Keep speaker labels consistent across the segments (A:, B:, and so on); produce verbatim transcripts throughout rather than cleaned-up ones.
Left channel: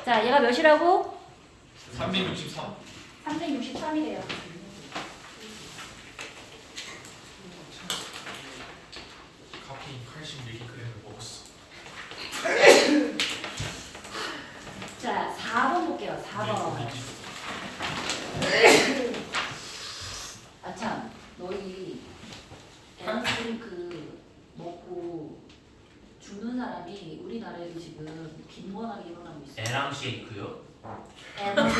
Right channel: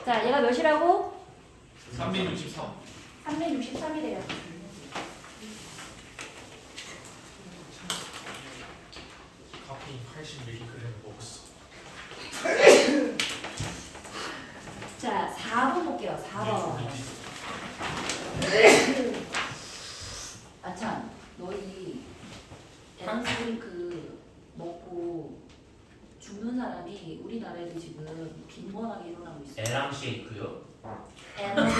A: 자, 얘가 몇이라고?
B: 삼백육십삼.
A: 삼백육십삼이래요.
B: 카페인 팔십 밀리그램을 먹었어.
A: 자, 사 번 볼게요. 사 번. 아참, 너희 에너지 그 먹고 죽는 사람이 우리나라에도 지금 빈번하게 일어나고 있어요.
C: 에랑 쉐이크요?
A: 에너지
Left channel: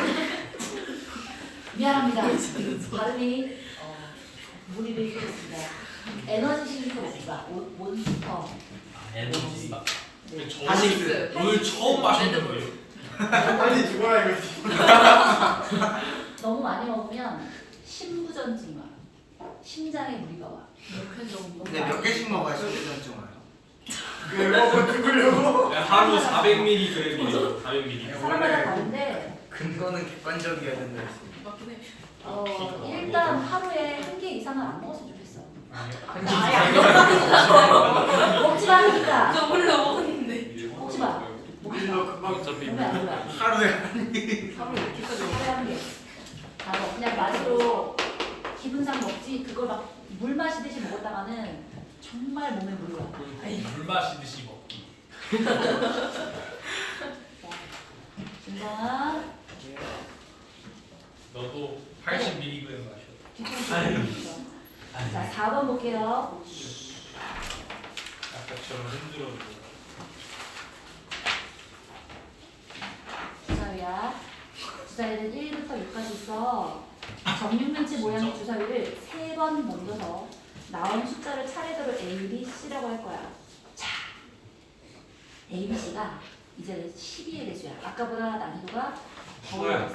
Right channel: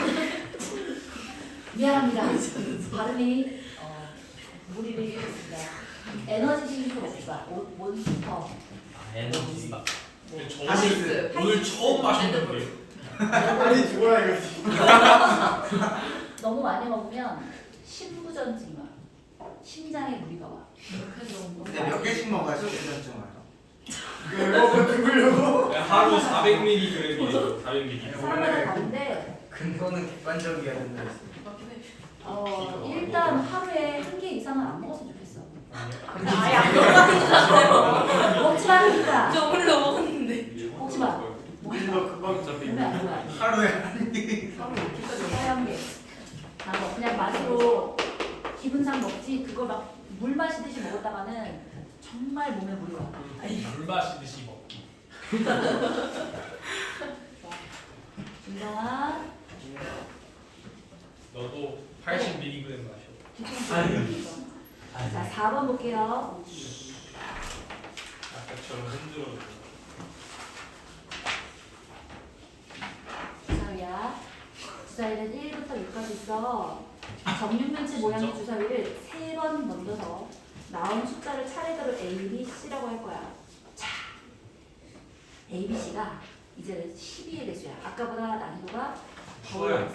A: 미안합니다. 발음이 어, 무리를 일으켰습니다. 에너지 싱크 먹자. 몬- 몬스터.
C: 아, 에너지.
B: 근데 저
D: 하식스.
B: 오늘 처음 마셨는데요.
D: 빨리 죽어라 이거지.
A: 너무 많이 먹으면 심부전증이 와. 심장에 무리가 와. 너무
D: 근데
A: 많이
D: 몇 개씩
A: 먹으면.
D: 먹어야 실수전 와요? 왜 먹어 죽으려고?
B: 하루 사백 밀리그램이에요. 사백 밀리그램.
A: 사람마다 다른데
D: 근거는 객관적이었는데.
A: 어, 일단 하루에 한 개 이상은 안 먹었으면 좋겠어.
E: 아예 안 먹었는데.
A: 먹지 마 하니까.
E: 저 원래 먹었는데.
A: 먹지 마. 먹지 마. 몸에 안 좋아.
D: 하루에
E: 하루 이렇게까지
A: 하루에 한 개. 다 먹어. 그냥 맛으로 기분상 먹지. 그걸 막 물 마시듯이 먹었다가는 정말 몸에 무리가 와.
B: 물 마시듯이 먹기.
A: 진정아.
B: 너도 팔십 밀리그램 마셔.
A: 뒤통수. 자, 사 번 볼게요.
B: 아까처럼 흔들어.
A: 주사위야. 주사위는 일부터 육까지 있어. 정육면체 모양의 주사위를 세 번 넘겨서 나온 숫자를 차례대로 A, B, C라고 할 거야. 자, A, B, C가 이제 십이의 배수야. 아까보다 난이도가 더 올라갔어.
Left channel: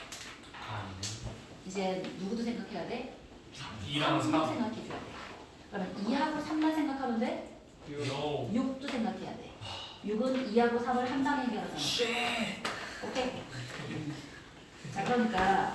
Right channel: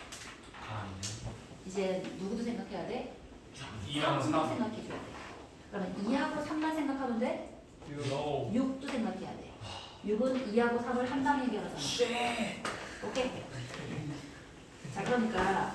A: 이제 누구도 생각해야 돼?
B: 이랑
A: 삼도
B: 삼.
A: 생각해줘야 돼. 그러면 이하고 삼만 생각하면 돼?
B: No.
A: 육도 생각해야 돼. 육은 이하고 삼을 한 방에 해결하잖아. 오케이? 자, 그러니까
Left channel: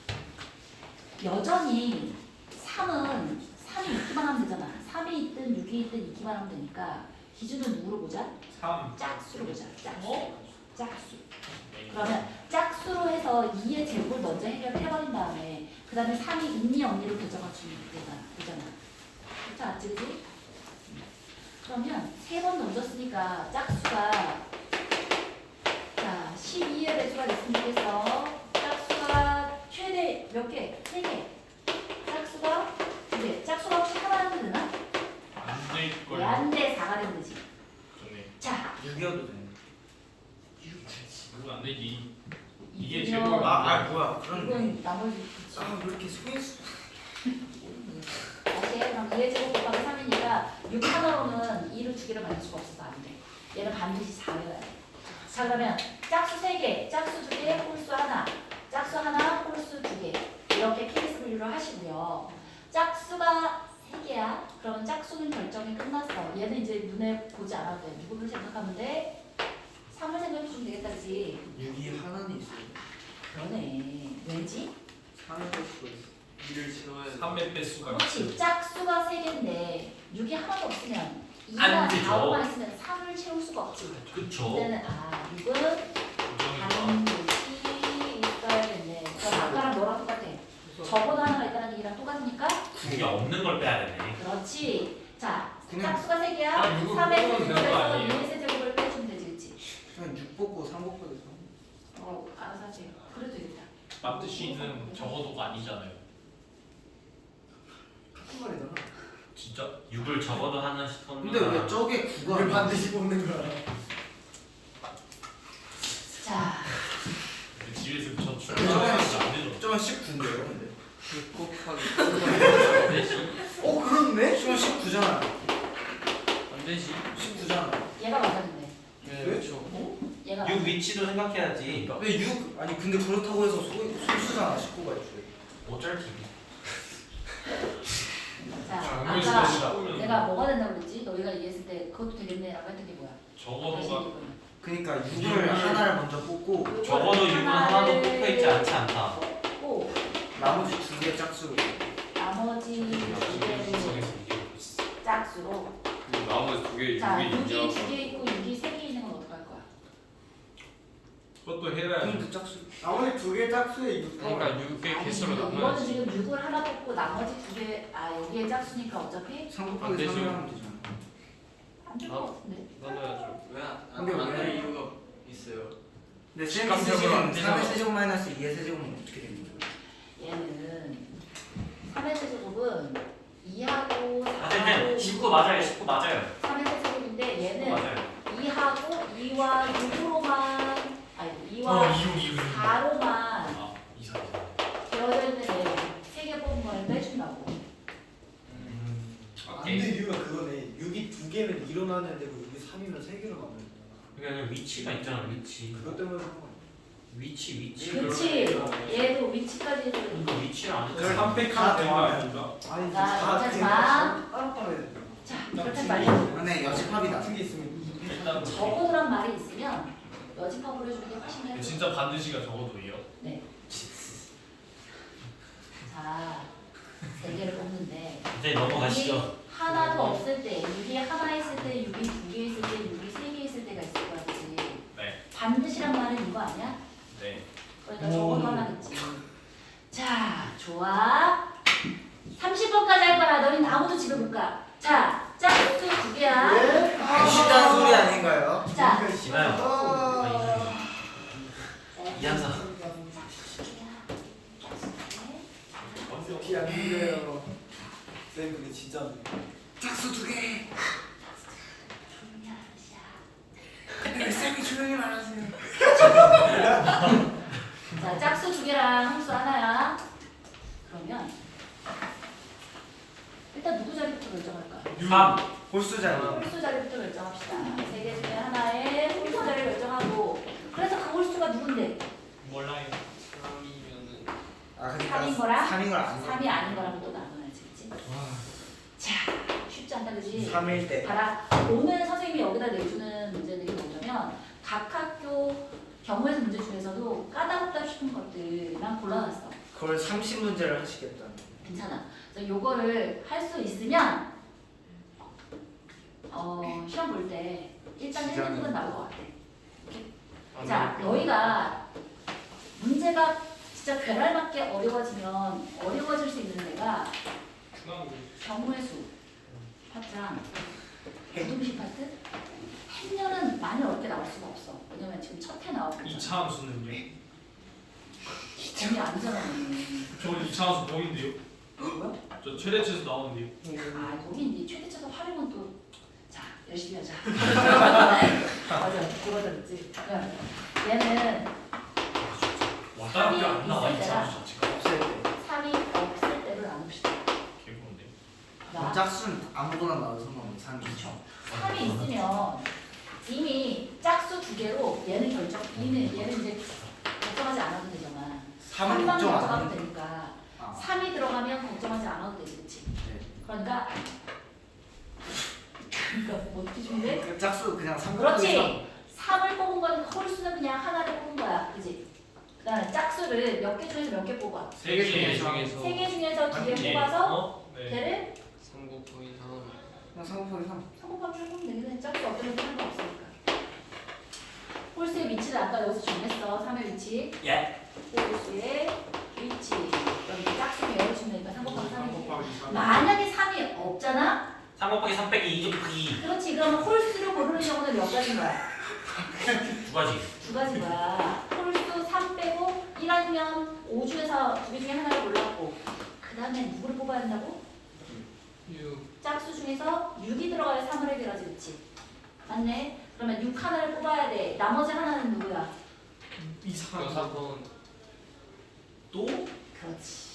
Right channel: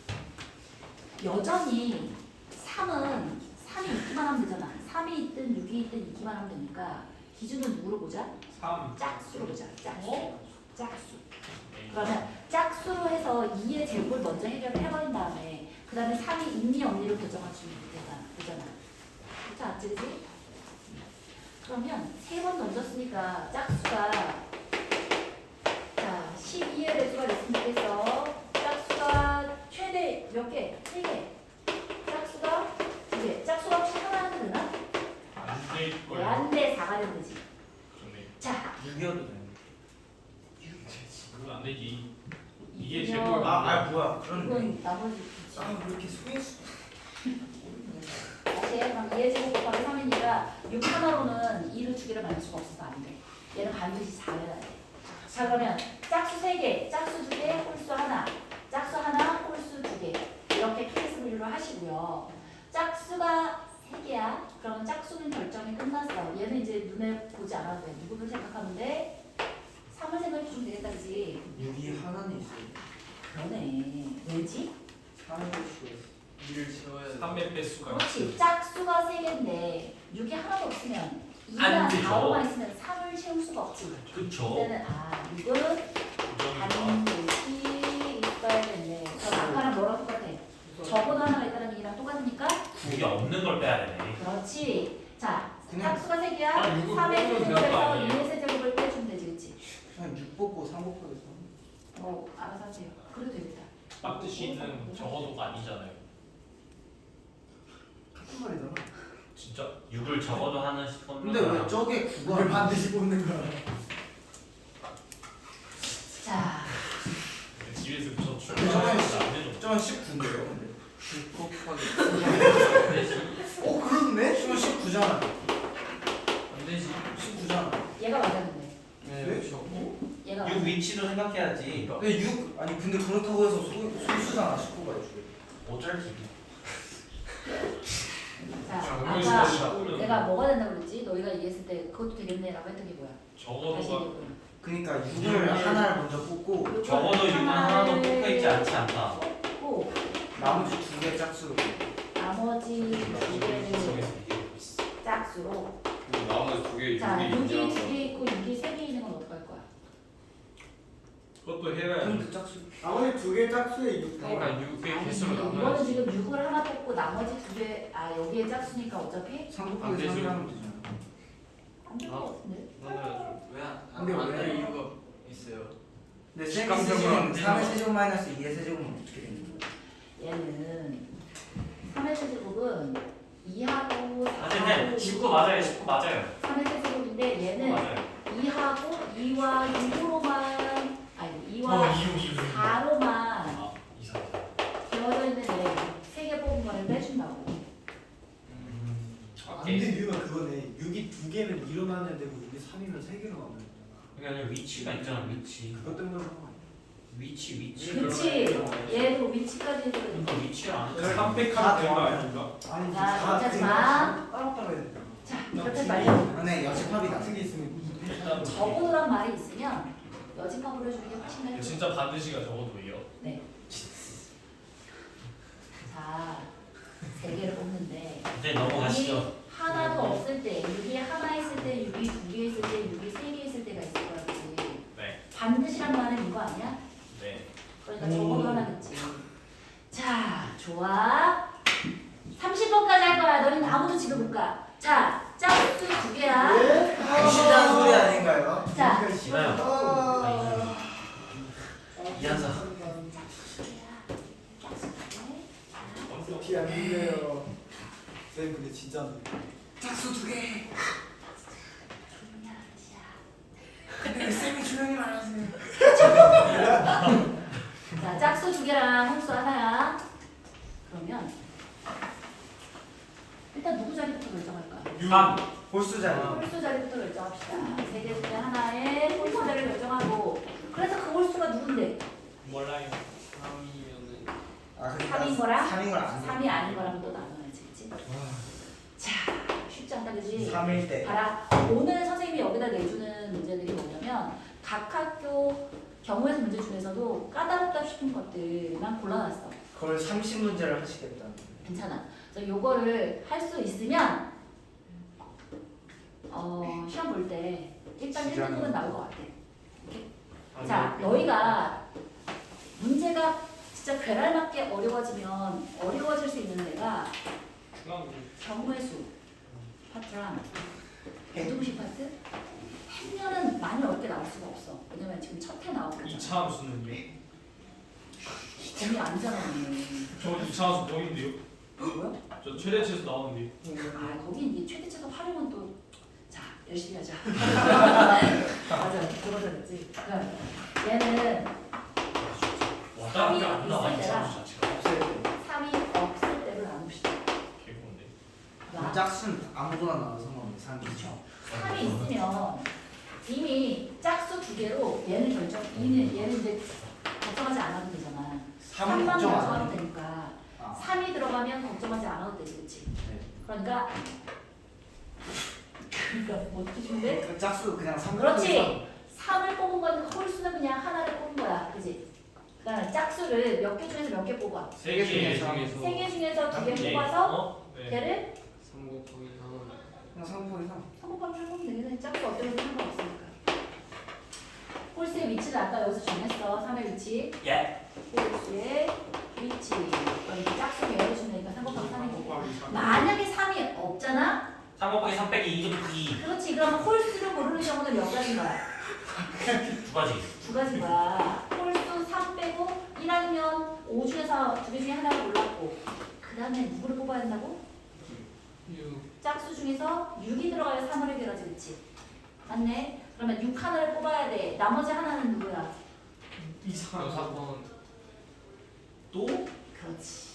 A: 여전히 삼은 삼이 있기만 하면 되잖아. 삼이 있든 육이 있든 있기만 하면 되니까 기준은 누구로 보자?
B: 삼.
A: 짝수로 보자. 짝수.
B: 어?
A: 짝수. 그러면 짝수로 해서 이의 제곱을 먼저 해결을 해버린 다음에 그 다음에 삼이 있니 없니로 결정하시면 되잖아. 되잖아. 그렇지 않지, 그지? 그러면 세 번 넘겼으니까 짝수가 자 십이의 배수가 됐으면 좋겠어. 짝수가 최대 몇 개? 세 개. 짝수가 두 개. 짝수가 혹시 하나 하면 되나?
B: 안될
A: 왜
B: 거예요.
A: 안 돼? 사가 되는 거지.
B: 전에
A: 자,
D: 육이어도 돼.
B: 그거 안 되지. 이게
A: 이면
B: 제곱.
D: 아, 아 뭐야? 그럼
A: 이건 나머지
D: 아, 왜 이렇게 소인수?
A: 다시 해. 그럼 이의 제곱 곱하기 삼이니까 육 하나로는 이를 두 개를 만들 수가 없어서 안 돼. 얘는 반드시 사를 해야 돼. 자, 그러면 짝수 세 개, 짝수 두 개, 홀수 하나, 짝수 하나, 홀수 두 개. 이렇게 피에스 분류를 하시고요. 짝수가 세 개야. 그러면 짝수는 결정이 끝났어. 얘는 이제 눈에 보지 않아도 돼. 누구를 생각하면 돼? 삼을 생각해 주면 되겠다, 그지?
D: 육이 하나는 있어요.
A: 그러네. 왜지?
D: 삼을 수가 있어. 이를 채워야
B: 삼의 배수가.
A: 그렇지. 짝수가 세 개인데 육이 하나도 없으면
C: 안
A: 이나
C: 되죠.
A: 사오만 있으면 삼을 채울 수가 없지.
C: 그쵸.
A: 그때는 아 육은 다른 곳이 있어야겠네. 그럼 아까랑 뭐랑 똑같아? 적어도 하나가 있다는 얘기랑 똑같으니까?
C: 그게 없는 걸 빼야 되네.
A: 그렇지. 자,
D: 그냥-
A: 짝수가 세 개야.
B: 아, 육을
A: 삼의
B: 뽑으면 되는 거
A: 세제곱에서
B: 아니에요?
A: 이의 세제곱을 빼주면 되지, 그렇지?
D: 그냥 육 뽑고 삼 곱하기 삼.
A: 어, 알아서 하세요. 그래도 되겠다.
B: 마트 C는 적어도가 아니잖아요.
D: 같은 말이잖아.
B: 진짜?
C: 육을 적어도 하는 싶은
D: 근데 왜 저게 구가 반드시 뽑는 거야?
A: 자,
B: 집에서 저
D: 저는
B: 출근하는 안 되죠.
D: 저건 십구인데요, 근데. 육 곱하기.
C: 안 되지.
D: 어, 그렇네? 지금 십구잖아.
C: 안 되지.
D: 십구잖아.
A: 얘가 맞았는데.
D: 네, 그렇죠.
A: 네? 얘가
C: 육
A: 맞았는데.
C: 위치도 생각해야지.
D: 근데 육 아니 근데 그렇다고 해서 소, 소수잖아 십구가 있죠.
C: 어쩔지.
A: 자,
B: 정말
A: 아까
B: 진짜
A: 내가 뭐가 된다고 그랬지? 너희가 얘기했을 때 그것도 되겠네라고 했던 게 뭐야? 다시
B: 적어도가
A: 얘기해보면.
D: 그러니까
B: 육을
D: 육을 하나를 먼저 뽑고
A: 요걸
C: 적어도 육은 하나도
A: 하나를
C: 뽑혀 있지 않지 않다.
A: 뽑고
D: 나머지 두 개 짝수로.
A: 나머지 두 개를 짝수로.
F: 나머지 두개
A: 자,
F: 육이
A: 육이
F: 인정.
A: 두 개 있고 육이 세 개 있는 건 어떡할 거야?
B: 그것도 해야
D: 근데 짝수 아무리 두 개 짝수에 육
B: 그러니까 육백
A: 아니,
B: 개수로
A: 이거는
B: 나눠야지.
A: 지금 육을 하나 뽑고 나머지 두 개, 아 여기에 짝수니까 어차피
D: 삼
B: 안
D: 곱하기
B: 되죠.
D: 삼을 하면 되잖아.
A: 안 될 것 같은데.
B: 나눠야죠.
D: 근데 왜?
E: 왜안안될 이유가 있어요.
D: 근데
B: 직감적으로
D: 세제곱
B: 안 되는
D: 삼의
B: 거.
D: 세제곱 마이너스 이의 세제곱은 어떻게 되는 거야?
A: 얘는 삼의 세제곱은 이하고
C: 아,
A: 사하고
C: 네, 십구 맞아요. 십구 맞아요.
A: 삼의 세제곱인데
C: 십구
A: 얘는
C: 맞아요.
A: 이하고 이와 육으로만 아니 이와
B: 어 이유 이유.
A: 사로만
B: 아 이사.
A: 되어져 있는 애 세 개 뽑은 걸 빼준다고.
D: 안 돼, 이유가 그거네. 육이 두 개는 일어나는 데고 육이 삼이면 세 개로 나오는 거잖아.
C: 그러니까 위치가 있잖아. 위치.
D: 그것 때문에
C: 위치 위치.
A: 그치. 얘도 위치까지 해줘야 돼.
C: 그 위치를 안
B: 내가
C: 했어.
B: 삼백하면 되는 거 아닙니까?
D: 아니
A: 자, 어쩌지 마.
D: 따로따로 해야 돼.
A: 자, 그렇게 말고
D: 안에 여집합이 같은 게 있으면
B: 일단
A: 적어두란 말이 있으면 여집합으로 해주는 게 훨씬 더
B: 근데
A: 좋아.
B: 진짜 반드시가 적어도예요.
A: 네. 자, 세 개를 뽑는데
C: 이제 넘어가시죠.
A: 육이 하나도 없을 때, 육이 하나 있을 때, 육이 두 개 있을 때, 육이 세 개 있을 때가 있을 거야, 그치?
B: 네.
A: 반드시란 말은 이거 아니야?
B: 네.
A: 그러니까 적어도 하나겠지. 자, 좋아. 삼십 번까지 할 거야. 너희는 아무도 집에 못 가. 자, 짝수 두 개야.
D: 네? 시간 소리 아닌가요?
A: 자,
C: 시나요?
D: 아.
C: 이한사.
A: 짝수 두 개야. 짝수 두 개.
D: 티 아닌데요. 쌤 그게 진짜네. 짝수 두 개.
A: 조용히 하라는 뜻이야.
D: 쌤이 조용히 말하세요.
A: 자, 짝수 두 개랑 함수 하나야. 그러면 일단 누구 자리부터 결정할까?
C: 삼.
D: 골수 자리.
A: 홀수 자리부터 결정합시다. 세 개 중에 하나에 홀수 자리를 결정하고 그래서 그 홀수가 누군데?
B: 몰라요.
E: 삼이면은
D: 아, 그러니까
A: 삼인 거랑
D: 삼인 걸 안.
A: 삼이 아닌 거랑 또 나눠야지, 그치? 자, 쉽지 않다, 그지?
D: 삼일 때.
A: 봐라. 오늘 선생님이 여기다 내주는 문제들이 뭐냐면 각 학교 경우에서 문제 중에서도 까다롭다 싶은 것들만 골라놨어.
D: 그걸 삼십 문제를 하시겠다.
A: 괜찮아. 그래서 요거를 할 수 있으면 어, 시험 볼 때 일단 일 등급은 나올 것 같아. 자, 너희가 문제가 진짜 괴랄맞게 어려워지면 어려워질 수 있는 데가 경우의 수 파트랑 부등식 파트 해면은 많이 어렵게 나올 수가 없어. 왜냐면 지금 첫 해 나오고 있잖아.
B: 이차 함수는요?
A: 거기 아니잖아. 오늘.
B: 저 이차 함수 범인데요.
A: 뭐야?
B: 저 최대치에서 나오는데요.
A: 아, 거기 이제 최대치도 활용은 또 자, 열심히 하자. 맞아, 그거다 그랬지. 얘는
B: 왔다 갔다 안 나와
A: 있을
B: 이
A: 때랑
B: 함수 자체가.
D: 없을 때.
A: 삼이 없을 때를 나눕시다.
B: 개콘데.
A: 자,
D: 짝수는 아무거나 나와도 상관없어. 삼이죠.
A: 삼이 있으면 이미 짝수 두 개로 얘는 결정, 얘는 얘는 이제 걱정하지 않아도 되잖아.
D: 삼은
A: 삼만
D: 걱정 안
A: 결정하면
D: 하는데.
A: 되니까
D: 아.
A: 삼이 들어가면 걱정하지 않아도 되지, 그렇지?
D: 네.
A: 그러니까 그러니까 뭐 뜻인데?
D: 그 짝수 그냥 삼.
A: 그렇지. 삼을 뽑은 거는 홀수는 그냥 하나를 뽑은 거야, 그렇지? 그다음에 짝수를 몇 개 중에서 몇 개 뽑아?
B: 세 개 중에서.
A: 세 개 중에서 두 개
B: 예.
A: 뽑아서
B: 어? 네.
A: 걔를
E: 삼 곱하기 삼은
D: 그냥 삼 곱하기 삼.
A: 삼곱하기 해보면 되겠네. 짝수 어떤 것도 상관없으니까. 홀수의 위치를 아까 여기서 정했어. 삼의 위치.
C: 예.
A: 홀수의 위치. 그럼 이제 짝수를 열어주면 되니까 삼곱하기 삼이고. 만약에 삼이 없잖아?
C: 삼 곱하기 삼 빼기 이 이.
A: 그렇지. 그러면 홀수를 고르는 경우는 몇 가지인 거야?
C: 두 가지.
A: 두 가지가 홀수 삼 빼고 일 아니면 오 중에서 두 개 중에 하나를 골랐고 그 다음에 누구를 뽑아야 한다고?
E: 육
A: 짝수 중에서 육이 들어가야 삼을 해결하지, 그치? 맞네? 그러면 육 하나를 뽑아야 돼. 나머지 하나는 누구야?
B: 이차 함수.
E: 여섯 번
B: 또?
A: 그렇지.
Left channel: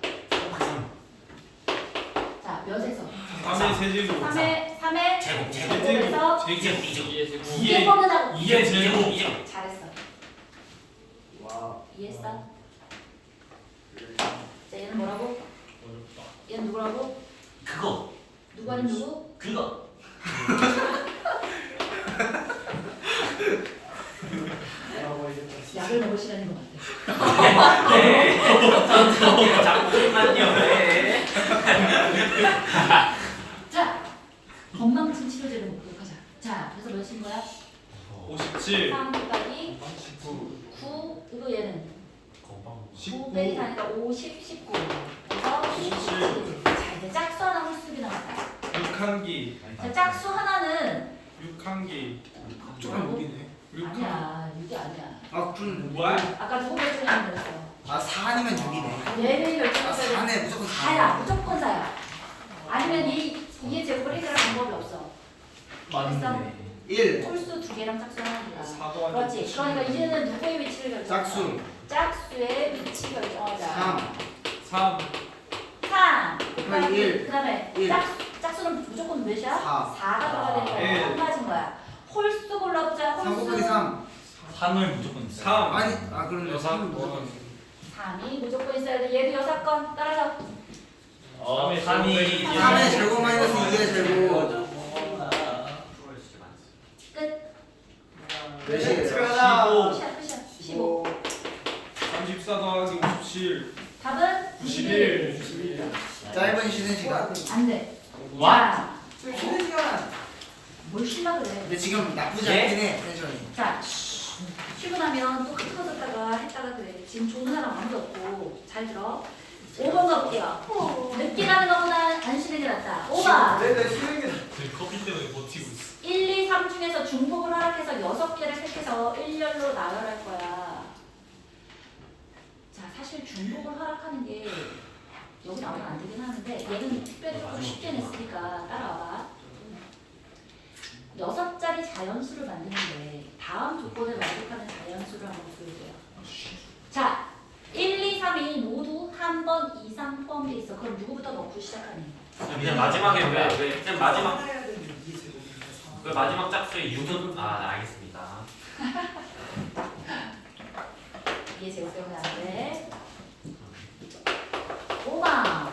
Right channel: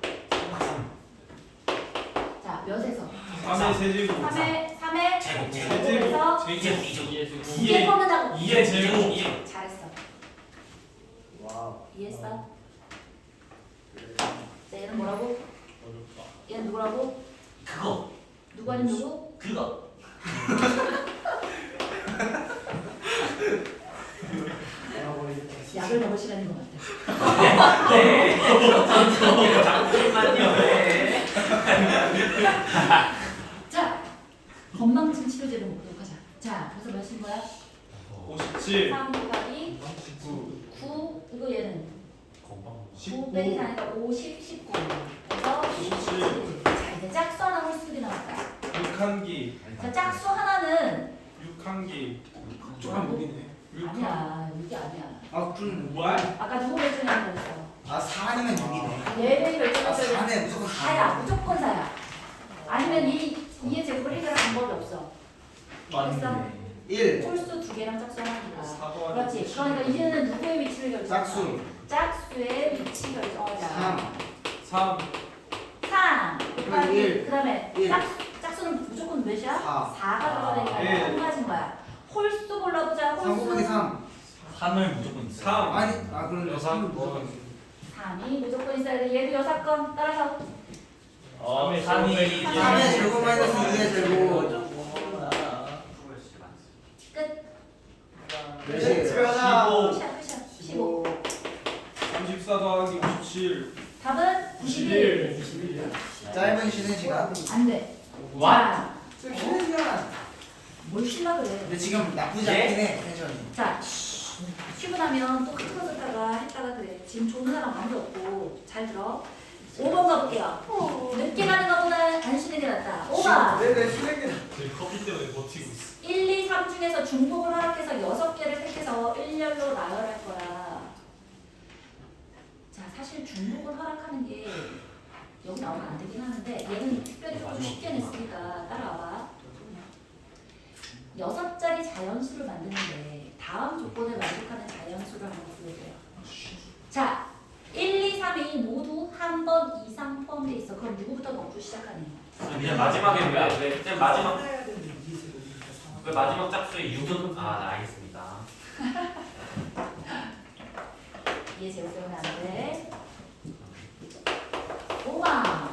A: 자, 몇에서?
B: 삼의 세제곱.
A: 삼의 삼의
C: 제곱 제곱.
A: 제곱에서
B: 제곱.
C: 이제
E: 이제
A: 두 개 뽑는다고.
B: 이의 제곱.
C: 이제
A: 잘했어.
D: 와.
A: 이해했어? 자, 얘는 뭐라고?
B: 어렵다.
A: 얘는 누구라고?
C: 그거
A: 누구 아닌 누구?
C: 그거.
A: 약을 먹을 시간인 것 같아.
C: 네. 잠시만요. 네.
A: 자, 건망진 치료제를 먹도록 하자. 자, 그래서 몇인 거야?
B: 오십칠.
A: 삼 곱하기
B: 구.
A: 오 빼기 사니까 오십, 십구. 그래서 십칠. 자, 이제 짝수 하나 홀수기 나왔다.
B: 육한기.
A: 자, 짝수 하나는
B: 육한기.
D: 조금 무리네.
A: 아니야, 이게 아니야.
D: 아좀
B: 뭐야?
A: 아까 누구 결정하는 거였어?
D: 아 사 아니면 육이네.
A: 얘를
D: 아
A: 결정해서
D: 사네 무조건
A: 사야,
D: 사.
A: 무조건 사야. 아니면 이 이의 제곱을 해결할 방법이 없어. 됐어?
D: 일.
A: 홀수 두 개랑 짝수 하나니까.
B: 사도
A: 그렇지. 그러니까 이제는 누구의 위치를 결정하자?
D: 짝수.
A: 짝수의 위치 결정하자.
D: 삼.
B: 삼.
A: 삼.
D: 그럼 일.
A: 그다음에
D: 일.
A: 짝, 짝수는 무조건 몇이야?
D: 사.
A: 사가 들어가야 되니까
B: 일.
A: 한 가지인 거야. 홀수 골라보자.
D: 삼 곱하기
A: 홀수.
D: 삼.
C: 삼을 무조건 있어요.
B: 삼.
D: 아니 아 그럼
B: 여섯
D: 삼
B: 번.
D: 무조건.
A: 삼이 무조건 있어야 돼. 얘도 여섯 건 따라서
C: 어,
B: 삼의
C: 삼이
B: 제곱.
D: 삼의 제곱 마이너스 이의 제곱.
A: 끝.
D: 몇이에요?
B: 십오.
A: 끝이야, 끝이야. 십오.
B: 삼십사 더하기 오십칠.
A: 답은 구십일.
B: 구십일.
D: 짧은 쉬는 시간.
A: 안 돼.
B: 와.
A: 자,
D: 좀 쉬는 시간.
A: 뭘 쉬려 그래.
D: 근데 지금 나쁘지
C: 예?
D: 않긴 해 텐션이.
A: 자, 쉬고 나면 또 흐트러졌다가 했다가 그래. 지금 좋은 사람 아무도 없고. 잘 들어. 오 번 가볼게요. 늦게 가는 것보다 안 쉬는 게 낫다. 오 번.
D: 왜내 쉬는 게
B: 지금 커피 때문에 버티고 있어.
A: 일, 이, 삼 중에서 중복을 허락해서 여섯 개를 택해서 일렬로 나열할 거야. 자, 사실 중복을 허락하는 게 여기 나오면 안 되긴 하는데 얘는 특별히 좀 쉽게 냈으니까 따라와봐. 여섯 자리 자연수를 만드는데 다음 조건을 만족하는 자연수를 한번 보여줘요. 자, 일, 이, 삼이 모두 한 번 이상 포함되어 있어. 그럼 누구부터 넣고 시작하니?
C: 그냥 마지막에 왜 왜? 그냥 마지막 그 마지막 짝수의 육은 아 알겠습니다.
A: 얘 제곱 때문에 안 돼. 오 번.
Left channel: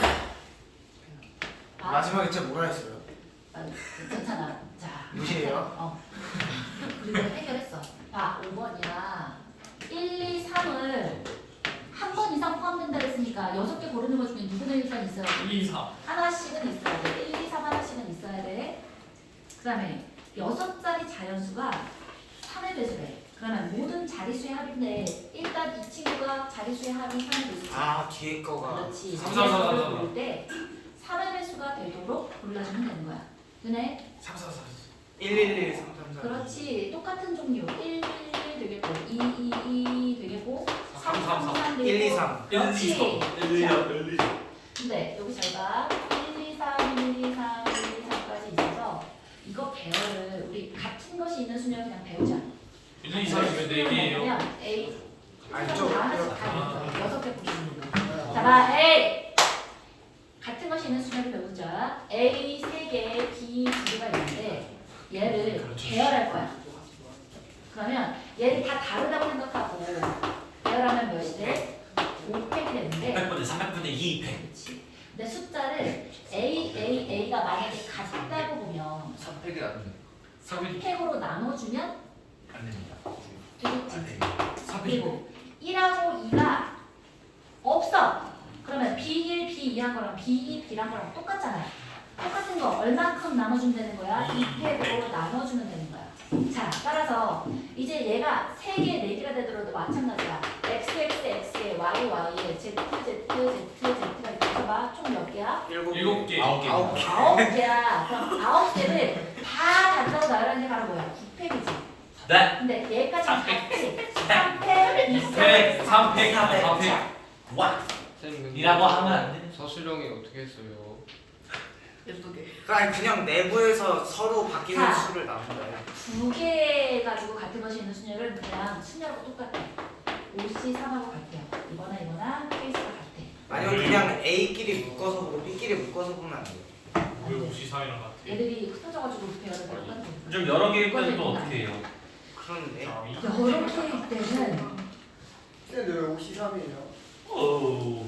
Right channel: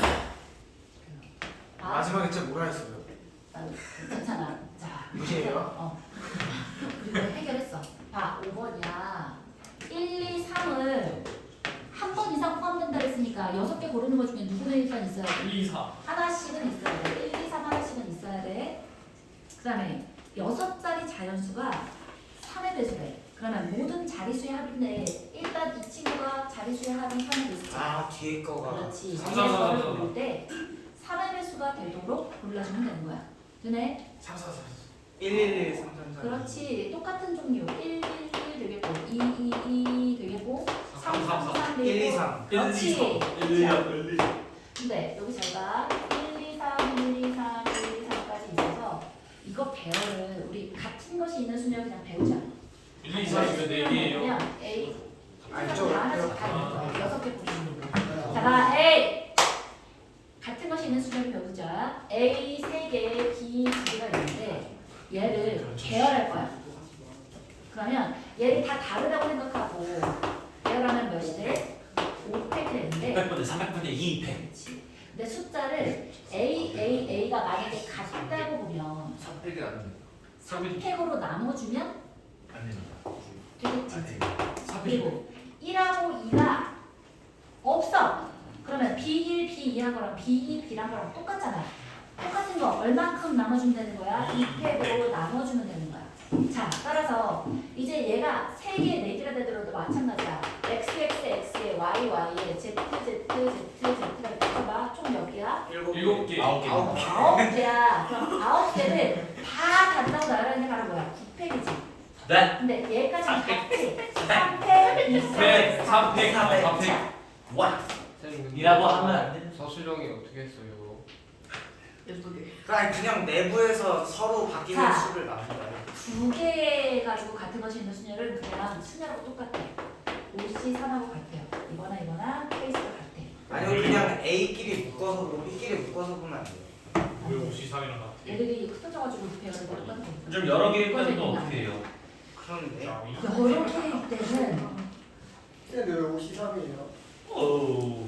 D: 마지막에 진짜 뭐라 했어요?
A: 아, 괜찮아. 자,
D: 무시해요?
A: 어. 그리고 해결했어. 봐, 오 번이야. 일, 이, 삼을 한 번 이상 포함된다 그랬으니까 여섯 개 고르는 것 중에 누구는 일단 있어야 돼?
B: 이, 사.
A: 하나씩은 있어야 돼. 일, 이, 삼 하나씩은 있어야 돼. 그 다음에 여섯 자리 자연수가 삼의 배수래. 그러면 모든 자리수의 합인데 일단 이 친구가 자리수의 합인 삼의 배수지.
D: 아 뒤에 거가.
A: 그렇지.
B: 삼,
A: 위에
B: 삼, 삼,
A: 거를
B: 삼, 삼.
A: 고를 때 삼의 배수가 되도록 골라주면 되는 거야. 윤혜?
D: 삼 사 사. 일 일 일 삼 삼 삼.
A: 그렇지. 똑같은 종류. 일, 일, 일 되겠고 이, 이, 이 되겠고 삼, 삼, 삼
D: 일 이
A: 되겠고
D: 삼.
A: 그렇지.
B: 일, 이, 일, 이.
A: 근데 여기 잘 봐. 일, 이, 삼, 일, 이, 삼, 일, 이, 삼까지 있어서 이거 배열을 우리 같은 것이 있는 수면 그냥 배우자.
B: 일, 이, 삼이면 네 개예요.
A: 그냥 A
D: 안쪽.
A: 다 하나씩 다 있는 여섯 개 보시는 거. 자, 봐. A 같은 것이 있는 수면을 배우자. A 세 개, B 두 개가 있는데 얘를 배열할 거야. 그러면 얘를 다 다르다고 생각하고 배열하면 몇이 돼? 오 팩이 되는데
C: 백 분의 삼백 분의 이 백.
A: 그렇지. 근데 숫자를 A, A, A가 만약에 같다고 보면
E: 삼 팩이 안 돼.
A: 삼 팩으로 나눠주면
E: 아닙니다.
A: 되겠지. 그리고 일하고 이가 없어. 그러면 비 일, 비 이한 거랑 비 이, B랑 거랑 똑같잖아. 똑같은 거 얼만큼 나눠주면 되는 거야? 이 팩으로 나눠주면 되는 거야. 자, 따라서 이제 얘가 세 개, 네 개가 되더라도 마찬가지야. X, X, X에 Y, Y에 Z, Z, Z, Z가 있어 봐. 총 몇 개야?
B: 일곱 개.
C: 아홉 개.
D: 아홉 개.
A: 아홉 개야. 그럼 아홉 개를 다 단다고 나열하는 게 바로 뭐야? 구 팩이지.
C: 네.
A: 근데 얘까지는
C: 삼 팩.
A: 같지. 삼 팩, 이
B: 팩, 삼 팩,
A: 팩.
B: 삼 팩.
A: 자,
C: 와.
E: 선생님,
C: 이라고 하면 안 돼.
E: 서술형이 어떻게 했어요?
D: 그러니까 그냥 내부에서 서로 바뀌는
A: 자.
D: 수를 나눈 거예요.
A: 두 개 가지고 같은 것이 있는 수녀를 그냥 수녀하고 똑같아. 오씨 삼하고 같아요. 이거나 이거나 케이스가 같아.
D: 아니면 그냥 A끼리 묶어서 보고 B끼리 묶어서 보면 안 돼요.
B: 왜 오십 삼이랑 같아?
A: 얘들이 흩어져가지고 배열을 다 똑같아.
C: 좀 여러 개일 때는 또 어떻게 해요?
D: 그런데
A: 여러 개일 때는
F: 쌤, 왜 오십삼이에요?
C: 오.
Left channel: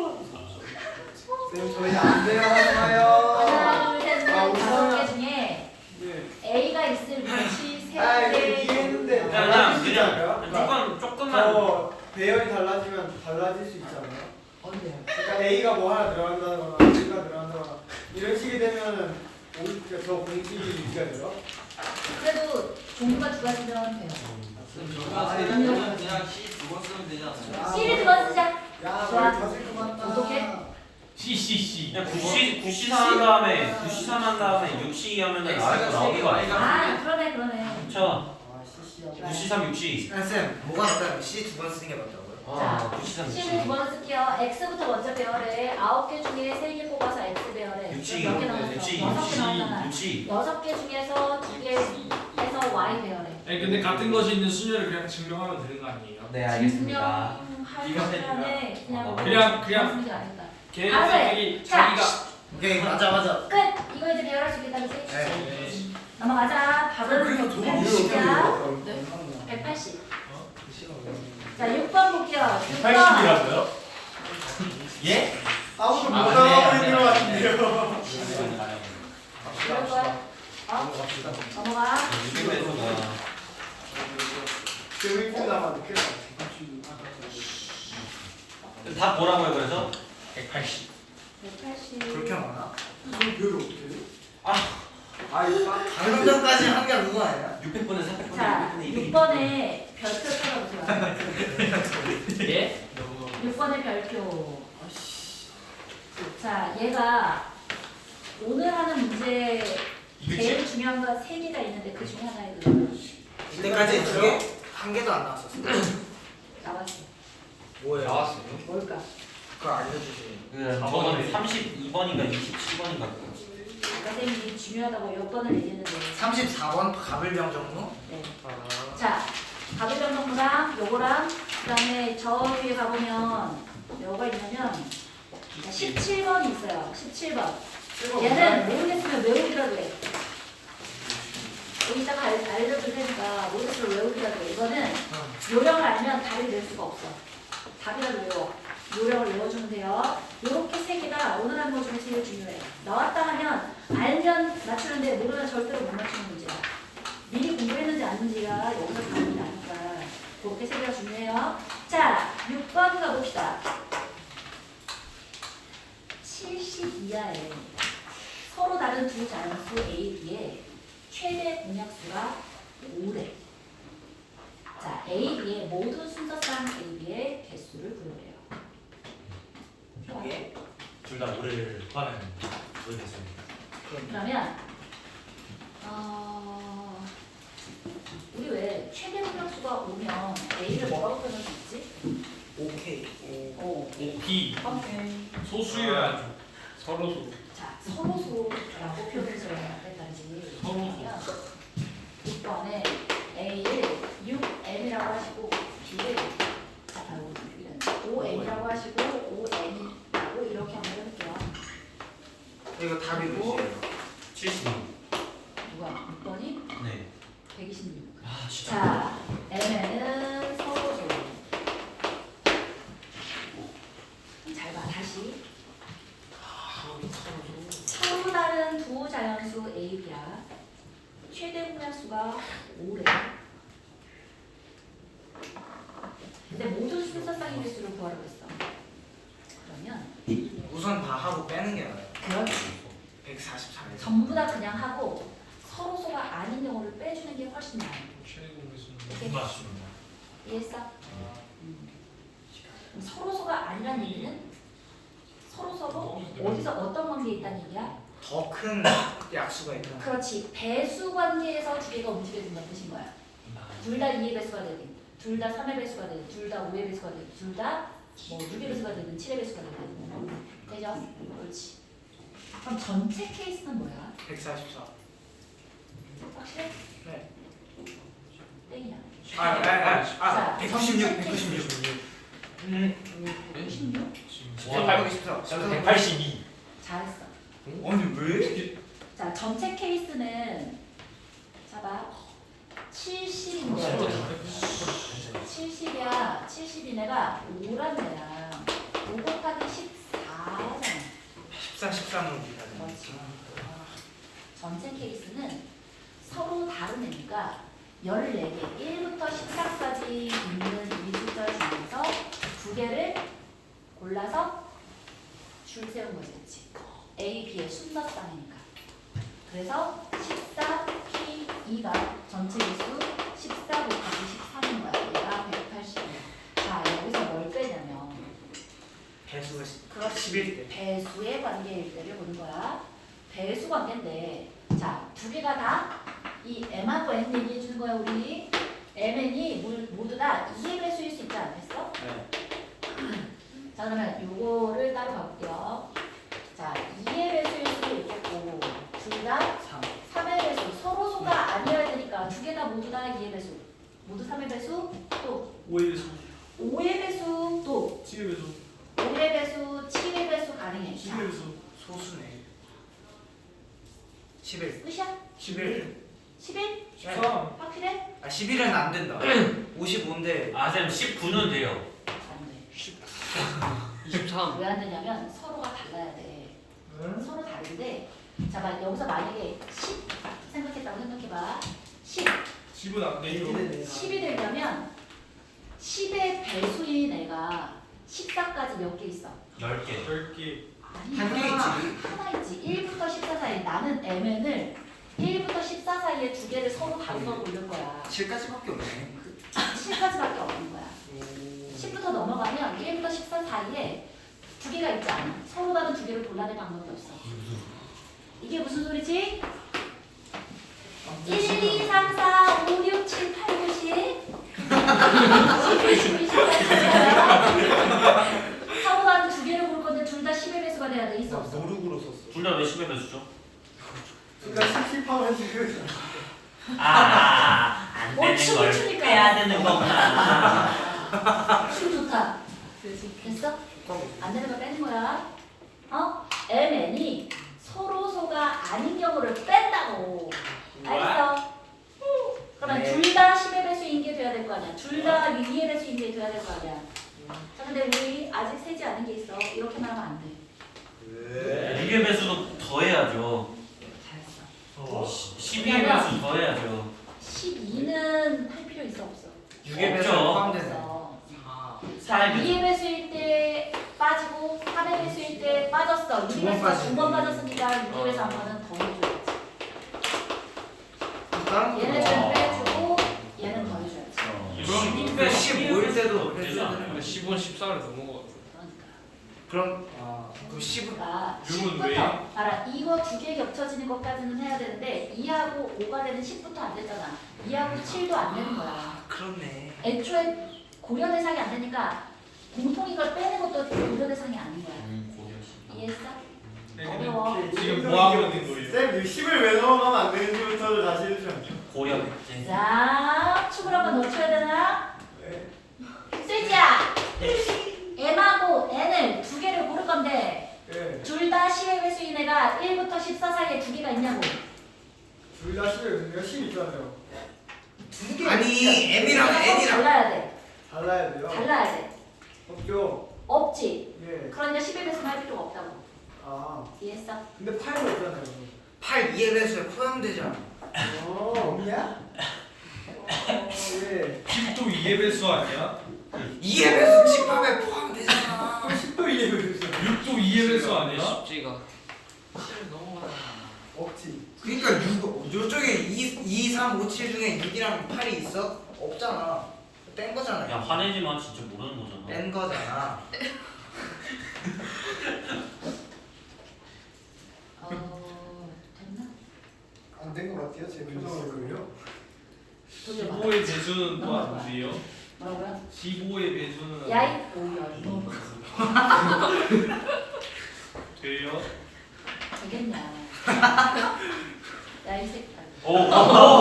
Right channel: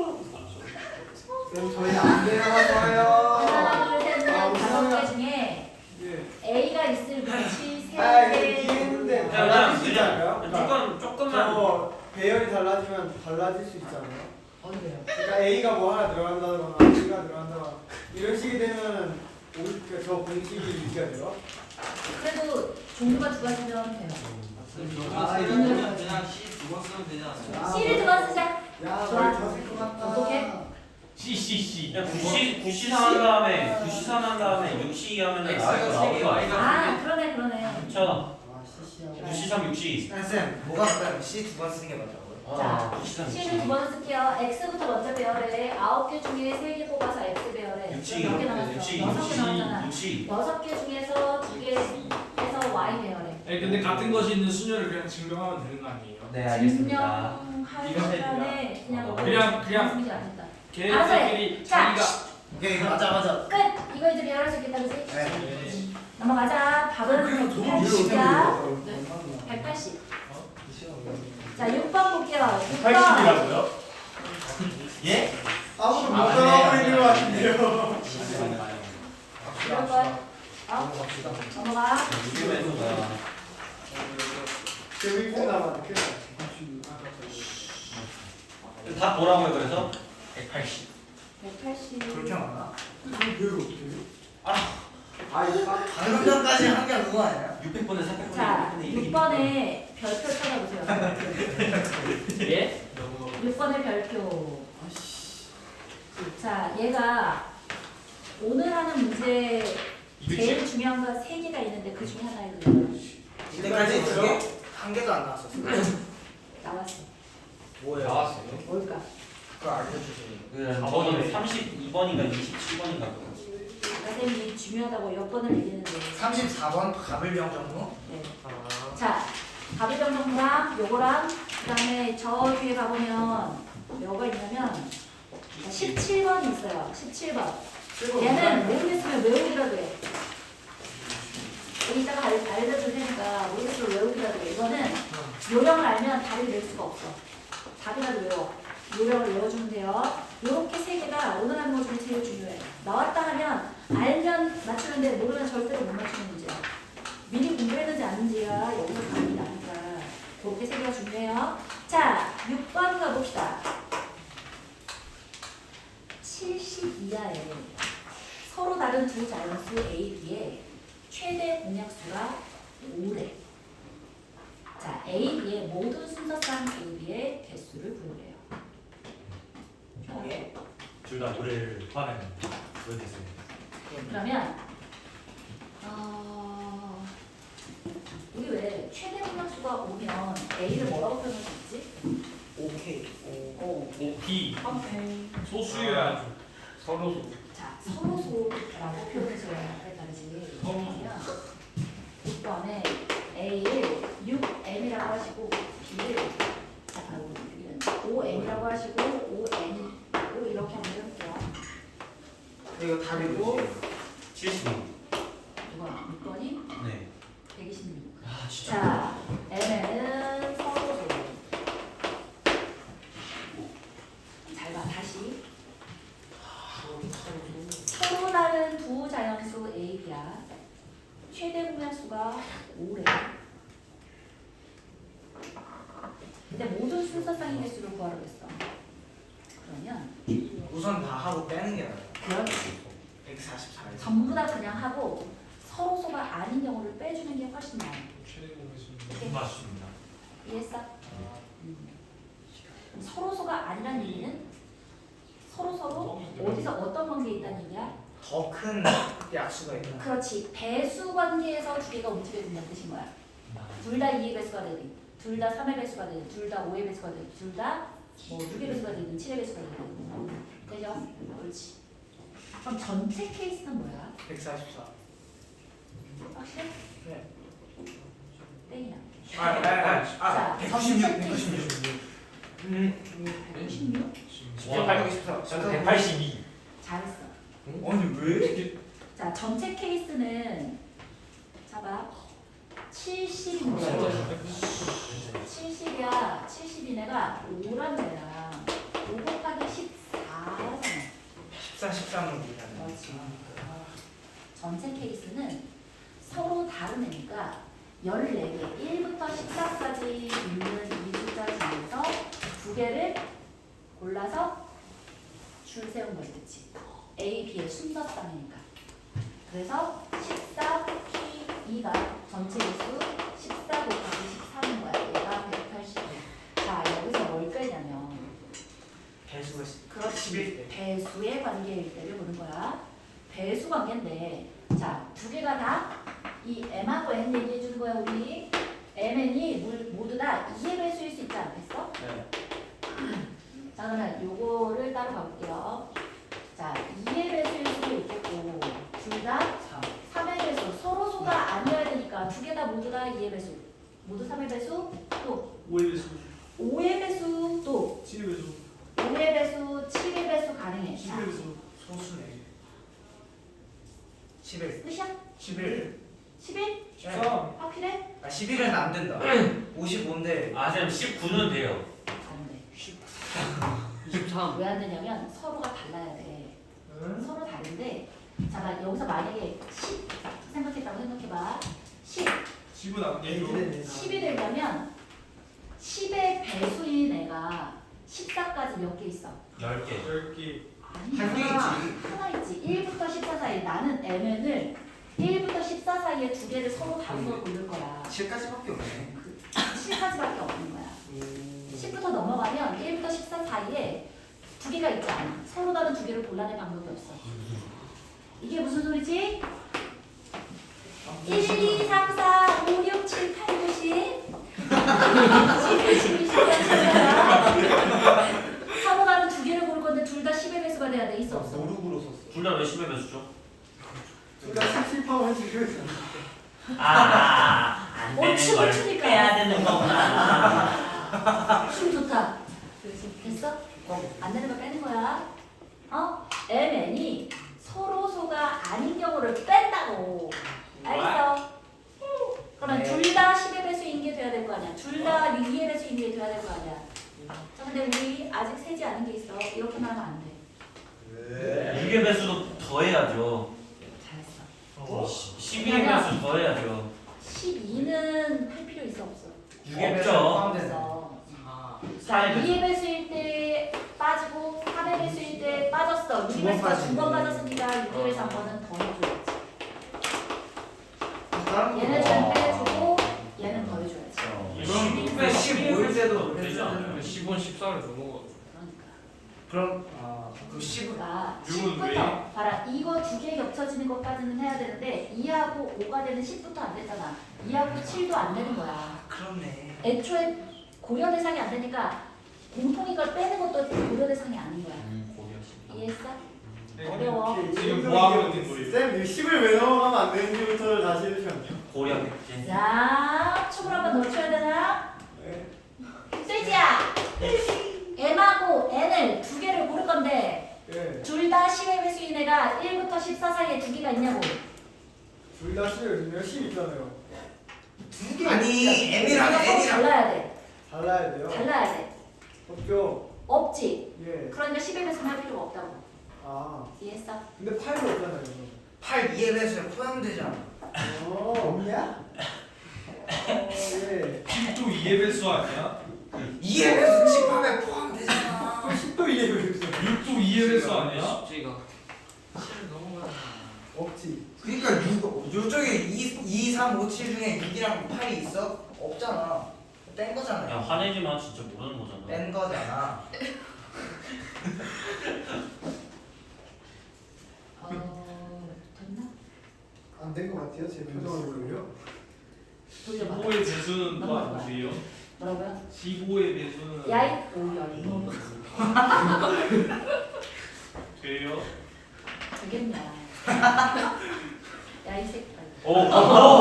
F: 쌤, 저희 안 내려가서요.
A: 하나, 둘, 셋,
F: 아,
A: 넷, 다섯
F: 오십삼이야.
A: 개 중에
F: 네.
A: A가 있을 위치 세
F: 아, 이거
A: 개.
F: 이해했는데
C: 그냥
F: 달라질 수 있지
C: 그냥
F: 않아요? 그러니까
C: 조금 조금만.
F: 저 배열이 달라지면 달라질 수 있잖아요.
A: 어디요?
F: 그러니까 A가 뭐 하나 들어간다거나 B가 들어간다거나 이런 식이 되면은 오, 그러니까 저 공식이 유지가 돼요.
A: 그래도 종류가 두 가지면 돼요.
F: 아,
G: 그냥 C 두 번 쓰면 되지 않아요?
F: 아,
A: C를 두 번 쓰자.
F: 야,
A: 좋아.
F: 머리 터질 것 같다.
A: 어떡해?
B: 씨씨씨.
C: 그냥 구시 구시삼 한 다음에 구시삼 한 다음에 육시 하면은 나올 거 나오는 거 아니야?
A: 아 그러네 그러네.
C: 그쵸?
F: 아, 씨씨야.
C: 구시삼 육시.
D: 쌤 뭐가 낫다면 C 두 번 쓰는 게 맞다고요?
A: 자,
C: 아 구시삼
A: C는
C: 육시.
A: 두 번 쓸게요. X부터 먼저 배열해. 아홉 개 중에 세 개 뽑아서 X 배열해.
C: 육시
A: 몇 개 나왔어?
C: 육시
A: 여섯 개 나왔잖아.
C: 육시.
A: 여섯 개 중에서 두 개 해서 Y 배열해.
B: 아니 근데 같은 것이 있는 수녀를 그냥 증명하면 되는 거 아니에요?
C: 네 알겠습니다.
A: 증명할
B: 이거 해.
A: 시간에 그냥
C: 어,
B: 그냥- 그냥-
A: 말씀드리지 않았다.
B: 걔네들이
A: 자,
B: 자기가
D: 오케이 맞아 맞아.
A: 끝. 이거 이제 배열할 수 있겠다, 그지?
D: 네.
A: 넘어가자. 밥은
F: 그리고 돈
A: 백팔십이야.
F: 네.
A: 백팔십. 자, 육 번 볼게요. 육 번.
B: 팔십이라고요?
C: 예?
F: 아무도 못
B: 아,
F: 나가고
B: 네.
F: 있는 것 같은데요.
A: 이럴 거야. 어? 넘어가.
C: 이거에서 뭐야?
F: 재밌게 나만 그
C: 다 보라고요 그래서?
B: 백팔십.
A: 백팔십.
D: 그렇게 나왔나?
F: 그걸 어떻게 해요?
D: 아.
F: 아, 이거
D: 방금 전까지 한 게 그거 아니야?
C: 육백 번에 사백 번에
A: 자,
C: 육백 번에
A: 육
C: 이백
A: 번에 별표 찾아보세요.
B: 예?
A: 육 번의 별표. 자, 얘가 오늘 하는 문제 제일 중요한 거 세 개가 있는데 그 중에 하나에 그
D: 이때까지 두 개? 한 개도 안 나왔었어.
A: 나왔어.
D: 뭐예요?
E: 나왔어요?
A: 뭘까?
D: 그걸 알려주세요.
C: 그 저는 삼십이 번인가 이십칠 번인가
A: 선생님이 중요하다고 몇 번을 얘기했는데.
D: 삼십사 번 가불병정무?
A: 네. 자, 가부병정무랑 요거랑 그다음에 저 뒤에 가보면 뭐가 있냐면 십칠 번이 있어요. 십칠 번. 얘는 모르겠으면 외우기라도 해. 여기다가 알- 알려줄 테니까 모르겠으면 외우기라도 해. 이거는 요령을 알면 답을 낼 수가 없어. 답이라도 외워. 요령을 외워주면 돼요. 요렇게 세 개가 오늘 하는 것 중에 제일 중요해요. 나왔다 하면 알면 맞추는데 모르면 절대로 못 맞추는 문제야. 미리 공부했는지 아닌지가 여기서 답이 나니까 그렇게 세 개가 중요해요. 자, 육 번 가봅시다. 칠십 이하에 서로 다른 두 자연수 A, B의 최대 공약수가 오래. 자, A, B의 모든 순서상 A, B의 개수를 구해보래요.
D: 예.
C: 둘다 노래를 모르겠습니다.
A: 그러면 어, 우리 왜 최대 공약수가 오면 A를 뭐라고 표현할 수 있지?
D: 오케이.
A: 오.
B: 오피
A: 오케이.
B: 소수여야죠. 서로 소.
A: 자, 서로소라고 표현해줘야 다르지.
B: 서로소.
A: 그러면 육 번에 A를 육 엠이라고 하시고 B를 자, 아이고, B는 오 엠이라고 하시고 오 엠이라고 이렇게 한번 해볼게요.
D: 이거 답이
A: 그리고
D: 뭐지?
C: 칠십이.
A: 누가 육 번이
C: 네.
A: 백이십육.
C: 아 진짜.
A: 자, M에는 서로소. 잘 봐, 다시. 서로 다른 두 자연수 A, B야. 최대 공약수가 오래. 근데 모든 순서상의 개수를 구하라고 했어. 그러면
D: 우선 다 하고 빼는 게 나아요.
A: 그렇지.
D: 백사십사에서.
A: 전부 다 그냥 하고 서로소가 아닌 경우를 빼주는 게 훨씬 나아. 오케이.
B: 맞습니다.
A: 이해했어? 음. 서로소가 아니란 얘기는 서로 서로 어디서 어떤 관계에 있다는 얘기야?
D: 더 큰 약수가 있나?
A: 그렇지. 배수 관계에서 두 개가 움직여진다는 뜻인 거야. 둘 다 이의 배수가 되든, 둘 다 삼의 배수가 되든, 둘 다 오의 배수가 되든, 둘 다 뭐 육의 배수가 되든, 칠의 배수가 되든. 되죠? 그렇지. 그럼 전체 케이스는 뭐야?
D: 백사십사.
A: 확실해?
D: 네.
A: 땡이야.
D: 아, 아, 아, 아,
A: 자,
D: 백구십육,
A: 전체
D: 백구십육.
A: 케이스.
D: 음,
A: 백구십육?
D: 백팔십사.
E: 저는 백팔십이.
A: 잘했어.
D: 아니 왜?
A: 자, 전체 케이스는 잡아. 칠십인데 칠십이야. 칠십이 내가 오란 애랑 오 곱하기 십사잖아.
D: 십사, 십사는 우리가.
A: 그렇지. 전체 케이스는 서로 다른 애니까 열네 개, 일부터 십사까지 있는 이 숫자 중에서 두 개를 골라서 줄 세운 거지, 그치? A, B의 순서상이니까. 그래서 십사, P, E가 전체 개수 십사 곱하기 십삼인 거야. 얘가 백팔십이야. 자, 여기서 뭘 빼냐면
C: 십일.
A: 배수의 관계일 때를 보는 거야. 배수 관계인데, 자, 두 개가 다 이 m하고 n 얘기해 주는 거야, 우리. mn이 모두 다 이의 배수일 수 있지 않겠어?
C: 네.
A: 자, 그러면 요거를 따로 가볼게요. 자, 이의 배수일 수도 있겠고, 둘 다 삼의 배수. 서로 소가 아니어야 되니까 두 개 다 모두 다 이의 배수. 모두 삼의 배수, 또
B: 오의 배수,
A: 오의 배수, 또
B: 칠의 배수,
A: 오의 배수, 칠의 배수 가능해.
B: 십의 배수,
D: 소수네.
G: 십일.
A: 끝이야?
B: 십일,
A: 십일?
B: 십삼,
A: 확실해?
G: 아 십일은 안 된다. 오십오인데
C: 아 쌤 십구는 돼요.
A: 안 돼.
E: 이십삼.
A: 왜 안 되냐면 서로가 달라야 돼. 서로 다른데, 자, 막 여기서 만약에 십 생각했다고 생각해봐. 십,
B: 십은 안 되죠.
A: 십이 되려면 십의 배수인 애가 십사까지 몇 개 있어?
C: 열 개.
B: 열 개,
A: 아니야.
G: 한 개 있지.
A: 하나 있지. 일부터 십사 사이. 나는 mn을 일부터 십사 사이에 두 개를 서로 바꿔 고를 거야.
G: 칠까지밖에 없네.
A: 칠까지밖에 없는 거야. 십부터 넘어가면 일부터 십사 사이에 두 개가 있지 않아. 서로 다른 두 개를 골라낼 방법이 없어. 이게 무슨 소리지? 일, 이, 삼, 사, 오, 육, 칠, 팔, 구, 십 십일, 십이, 십삼, 십사 서로 다른 두 개를 고를 건데 둘 다 십의 배수가 돼야 돼. 있어 없어?
D: 노룩으로 썼어.
C: 둘 다 왜 십의 배수죠?
F: 둘다 십십하면 지금
C: 아안
A: 어,
C: 되는
A: 춤을
C: 걸
A: 추니까.
C: 빼야 되는 거구나.
A: 춤 좋다. 됐어? 안 되는 거 빼는 거야. 어? mn이 서로 소가 아닌 경우를 뺀다고. 알겠어? 그러면
G: 네.
A: 둘 다 십의 배수인 게 돼야 될 거 아니야. 둘 다 이의 배수인 게 돼야 될 거 아니야. 자, 근데 우리 아직 세지 않은 게 있어. 이렇게만 하면 안 돼.
G: 왜?
C: 육의 배수도 더해야죠.
A: 잘했어.
C: 십이의 배수 더해야죠.
A: 십이는 할 필요 있어 없어?
G: 육의 배수
C: 없죠.
G: 포함된다.
A: 없어.
G: 아.
A: 자, 이의 배수일 때 빠지고 삼의 배수일 때 빠졌어.
G: 두
A: 육의
G: 번
A: 배수가 두 번
G: 빠지네.
A: 빠졌으니까 육의 배수 한 번은 더 해줘야지.
D: 다른
A: 얘는
C: 어.
A: 좀 빼주고 얘는 더 해줘야지.
C: 이건
G: 십오일 때도
C: 되지 않아요?
B: 근데 십은 십사를 넘어가.
A: 그러니까.
G: 그럼
D: 아,
G: 그럼 십은
A: 그러니까
B: 육은 왜?
A: 십부터 봐라. 이거 두 개 겹쳐지는 것까지는 해야 되는데 이하고 오가 되는 십부터 안 되잖아. 이하고 칠도 안 되는 거야.
G: 아 그렇네.
A: 애초에 고려 대상이 안 되니까 공통인 걸 빼는 것도 고려 대상이 아닌 거야. 이해했어? 어려워.
B: 지금 뭐 하고 있는 거예요?
F: 쌤, 이거 십을 왜 넘어가면 안 되는지부터 다시 해주시면
C: 고려 백제.
A: 자, 춤을 한번 더 춰야 되나?
F: 네.
A: 슬지야! m하고 n을 두 개를 고를 건데
F: 네.
A: 둘 다 십의 배수인 애가 일부터 십사 사이에 두 개가 있냐고.
F: 둘다 십을 십 있잖아요.
A: 두 개.
G: 아니, m이랑 n이랑
A: 달라야 돼.
F: 달라야 돼요.
A: 달라야 돼.
F: 없죠.
A: 없지.
F: 예.
A: 그러니까 십의 배수는 할 필요가 없다고.
F: 아,
A: 이해했어?
F: 근데 팔도 없잖아요.
G: 팔 이의 배수에 포함되잖아.
F: 어, 없냐? 어, 예.
B: 십도 이의 배수 아니야?
G: 이의 배수 칠함에 포함되잖아.
F: 또 십도 이해가 있어.
B: 육도 이의 배수 아니야?
E: 십지가 칠 넘어가잖아.
F: 없지.
G: 그러니까 육 요쪽에 이, 이, 삼, 오, 칠 중에 육이랑 팔이 있어? 없잖아. 뗀 거잖아.
C: 야 화내지 마. 진짜 모르는 거잖아.
G: 뗀 거잖아.
A: 어, 됐나?
F: 안 된 것 같아요. 제 표정으로요.
A: 돌려봐.
B: 십오의 배수는 또
A: 넘어가.
B: 아니지요?
A: 뭐라고요?
B: 십오의 배수는
A: 야이 오야 이거
B: 돼요?
A: 되겠냐? 야이 새끼.
C: 오. 오.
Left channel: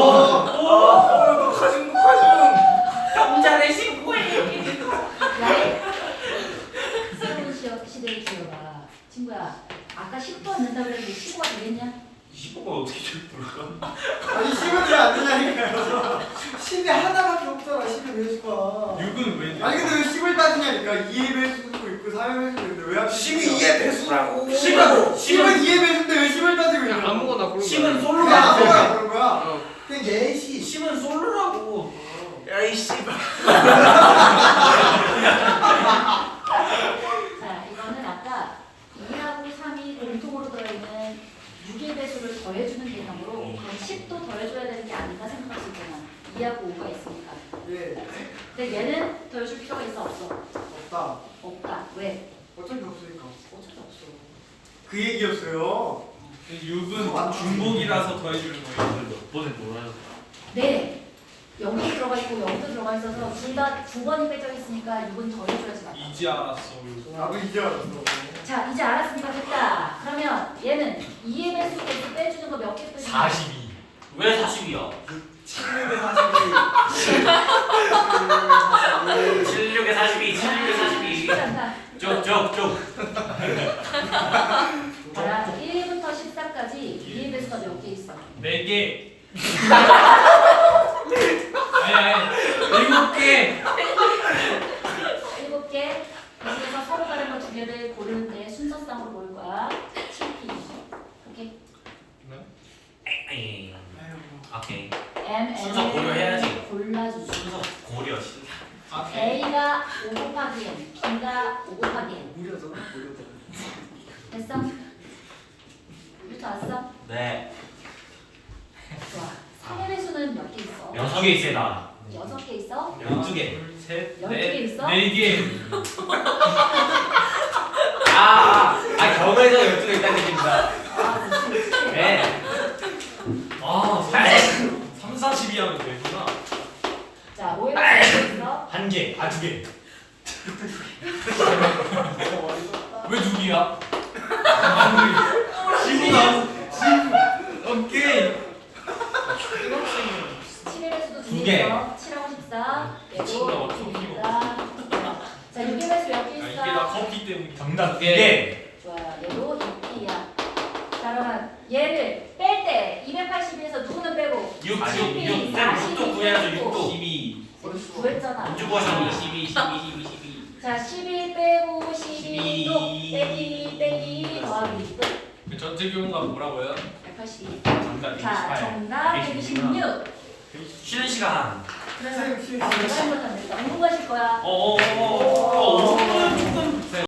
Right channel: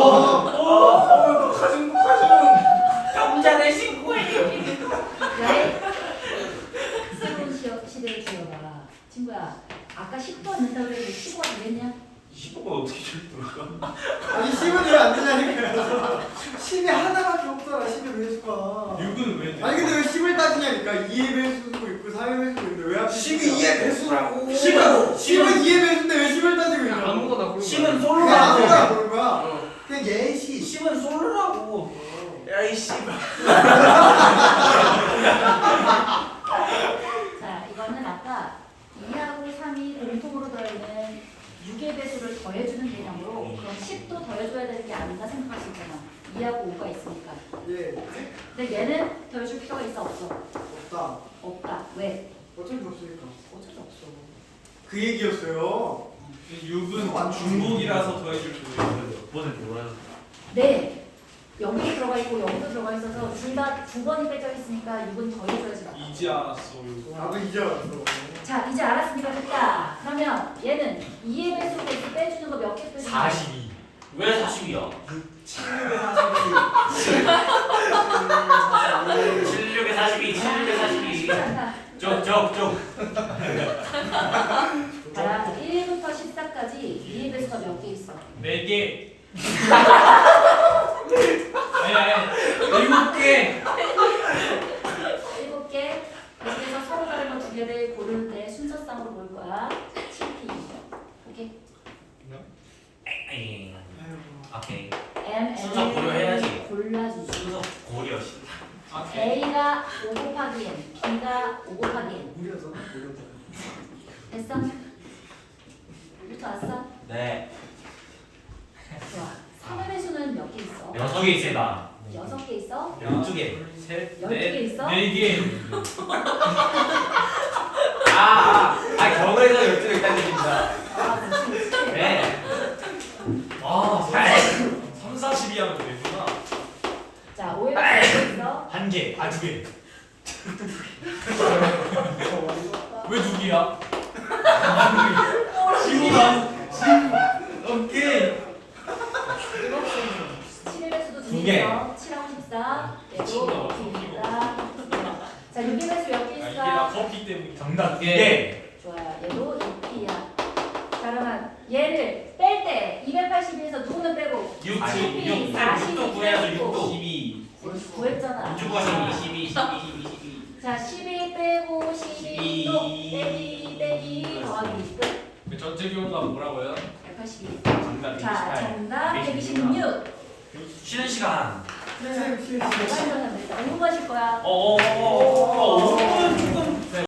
C: 오.
G: 가중 가중.
C: 남자네 신고해.
A: 야이 새로운 시어, 시대를 지어봐. 친구야, 아까 십도 안 된다고 그랬는데 십오가 되겠냐?
C: 십오가 어떻게 될까?
F: 아니 십은 왜 안 되냐니까요. 십이 하나밖에 없잖아. 십의 배수가.
B: 육은 왜 돼?
F: 아니 근데 왜 십을 따지냐니까. 이의 배수도 있고 삼의 배수도 있는데 왜 하필
G: 십이 이의 배수라고.
C: 십은
F: 십은 이의 배수인데 왜 십을 따지고 있는 거야?
E: 아무거나 고른
C: 십은
E: 거야.
C: 솔로라고.
F: 그냥 아무거나 그런 거야. 그냥 예시.
C: 십은 솔로라고.
G: 야이 씨발.
A: 자, 이거는 아까 이하고 삼이 공통으로 들어있는 육의 배수를 더해주는 개념으로 그럼 십도 더해줘야 되는 게 아닌가 생각할 수 있잖아. 이하고 오가 있으니까.
F: 예.
A: 근데 얘는 더해줄 필요가 있어 없어?
F: 없다.
A: 없다. 왜?
F: 어쩔 수 없으니까.
A: 어쩔 수 없어.
F: 그 얘기였어요.
B: 육은 중복이라서 더해주는 거예요.
C: 몇 번을 놀아요?
A: 네. 여기 들어가 있고 여기도 들어가 있어서 둘 다 두 번이 빼져 있으니까 육은 더해줘야지 맞다.
B: 이제 알았어.
F: 나도 이제 알았어.
A: 자, 이제 알았으니까 됐다. 그러면 얘는 이의 배수로 이렇게 빼주는 거 몇 개 빼주는 거야?
C: 사십이. 왜 사십이야?
D: 칠육에 사십이.
C: 칠십육에 사십이. 칠십육에 사십이.
A: 쉽지 않다.
C: 쪽쪽쪽.
A: 봐라, 일부터 십사까지 이의 배수가 몇 개 있어?
B: 네 개. 아니 아니 일곱 개.
A: 일곱 개. 그중에서 서로 다른 거 두 개를 고르는데 순서상으로 볼 거야. 칠 피. 오케이.
C: 에이. 오케이.
A: M,
C: 순서
A: N을
C: 고려해야지.
A: 골라주지.
C: 순서 고려.
B: 아,
A: A가 오 곱하기 N, B가 오 곱하기 N.
D: 무려잖아 무려잖아.
A: 됐어? 이렇게 왔어?
C: 네.
A: 좋아. 삼의 배수는 몇 개 있어?
C: 여섯 개 있습니다.
A: 여섯 개 있어?
C: 열두 개.
B: 셋,
A: 열두 개
B: 넷,
A: 있어?
B: 네 개.
C: 아, 아 경에서 열두 개 있다는 얘기입니다.
A: 아, 무슨 무슨.
C: 네.
B: 아, 삼, 사십이 하면 되구나.
A: 자, 오의 배수 몇 개 있어?
C: 한 개. 아, 두 개.
B: 왜 두 개야? 십이야. 오케이.
A: 칠의 배수도
C: 두
A: 두
C: 개.
A: 개 있어. 칠하고 십사. 얘도 이십이니까. 자, 육의 배수 몇 개
B: 아, 이게
A: 있어?
B: 다 커피 때문에.
C: 정답 두 개.
A: 좋아요. 얘도 이 피야. 자, 그러면 얘를 뺄 때 이백팔십에서 누구는 빼고?
C: 육,
A: 십이,
C: 육, 육,
A: 사십이
C: 육도 구해야죠.
A: 빼고.
C: 육도.
B: 십이.
A: 구했잖아.
C: 육주 구하시면
B: 이십이, 십이, 이십이.
A: 자, 십일 빼고 십이도 빼기 빼기 더하기 끝.
B: 그 전체 기호가 뭐라고요?
A: 백팔십이.
C: 정답
A: 자, 정답
C: 백이십육.
A: 백이십육.
C: 쉬는 시간.
A: 그래서 내가 이거 다 냈다. 오 분 하실 거야.
C: 어어어어.